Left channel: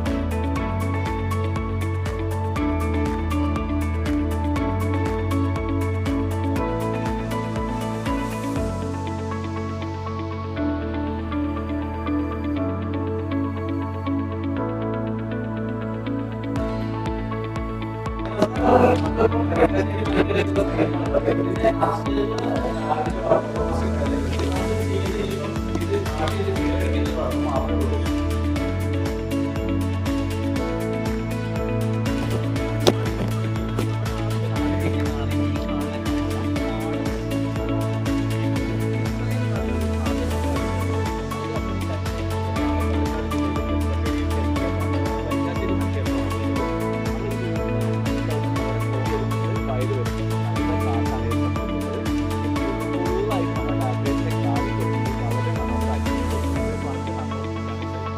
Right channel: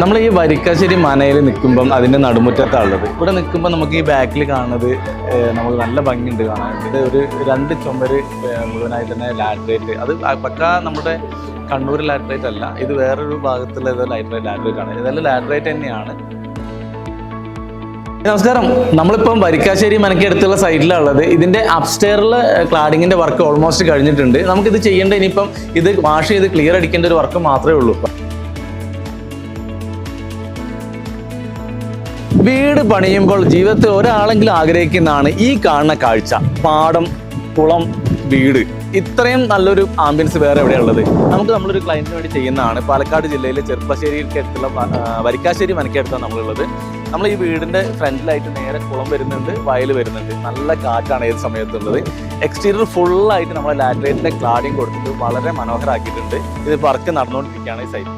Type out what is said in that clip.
നമ്മൾ ഈ വരിക്കാശ്ശേരി മനയിൽ നിൽക്കുമ്പം അതിൻ്റെ നടുമുറ്റത്താണുള്ളത്. ഇവിടെ നിൽക്കുമ്പോൾ നമുക്ക് ഈ ബാക്കിൽ കാണുന്നത് നമുക്ക് നല്ല ഭംഗിയുണ്ട് കാണാൻ. ഇത് ഒരു 2 ചുമര് മുഴുവനായി തന്നെ ലാറ്ററേറ്റ്. അത് പക്കാ നമ്മുടെ കണ്ണൂർ ലാറ്ററേറ്റ് അല്ല, ഇത് വേറൊരു ഭാഗത്തുള്ള ഏതോ ലാറ്ററേറ്റ് ആണ്. ഇതെല്ലാം ലാറ്ററേറ്റ് തന്നെയാണ്. നമസ്കാരം. നമ്മളിപ്പം വരിക്കാശ്ശേരി മനയ്ക്ക് അടുത്തുള്ള സൈഡിലുള്ളത്. ഇതിൻ്റെ അപ്സ്റ്റെയറിൽ ക്ലാഡിങ്ങിൻ്റെ വർക്ക് ഓൾമോസ്റ്റ് കഴിഞ്ഞിട്ടുണ്ട്. നമുക്കിത് ചെയ്യേണ്ട ഇനിയിപ്പം ഇത് വാഷ് ചെയ്ത് ക്ലിയർ അടിക്കേണ്ട ഒരു വർക്ക് മാത്രമേ ഉള്ളൂ. വീട് പണിയുമ്പോൾ ജീവിതത്തിൽ ഒരാളെങ്കിലും ആഗ്രഹിക്കുന്നതാണ് ഈ കാണുന്ന കാഴ്ച. പാടം, കുളം, വീട്. ഇത്രയും നല്ലൊരു ആംബിയൻസ് വേറെ എവിടെയുള്ളത്? നമ്മളൊരു ക്ലയന്റിന് വേണ്ടി ചെയ്യുന്നതാണ്. പാലക്കാട് ജില്ലയിലെ ചെറുപ്പശ്ശേരിക്ക് അടുത്തുള്ള വരിക്കാശ്ശേരി മനയ്ക്കടുത്താണ് നമ്മളുള്ളത്. നമ്മൾ ഈ വീടിന്റെ ഫ്രണ്ടിലായിട്ട് നേരെ കുളം വരുന്നുണ്ട്, വയൽ വരുന്നുണ്ട്. നല്ല കാറ്റാണ് ഏത് സമയത്തുള്ളത്. എക്സ്റ്റീരിയർ ഫുള്ളായിട്ട് നമ്മൾ ലാറ്ററേറ്റിന്റെ ക്ലാഡിങ് കൊടുത്തിട്ട് വളരെ മനോഹരമാക്കിയിട്ടുണ്ട്. ഇത് വർക്ക് നടന്നുകൊണ്ടിരിക്കുകയാണ് ഈ സൈറ്റ്.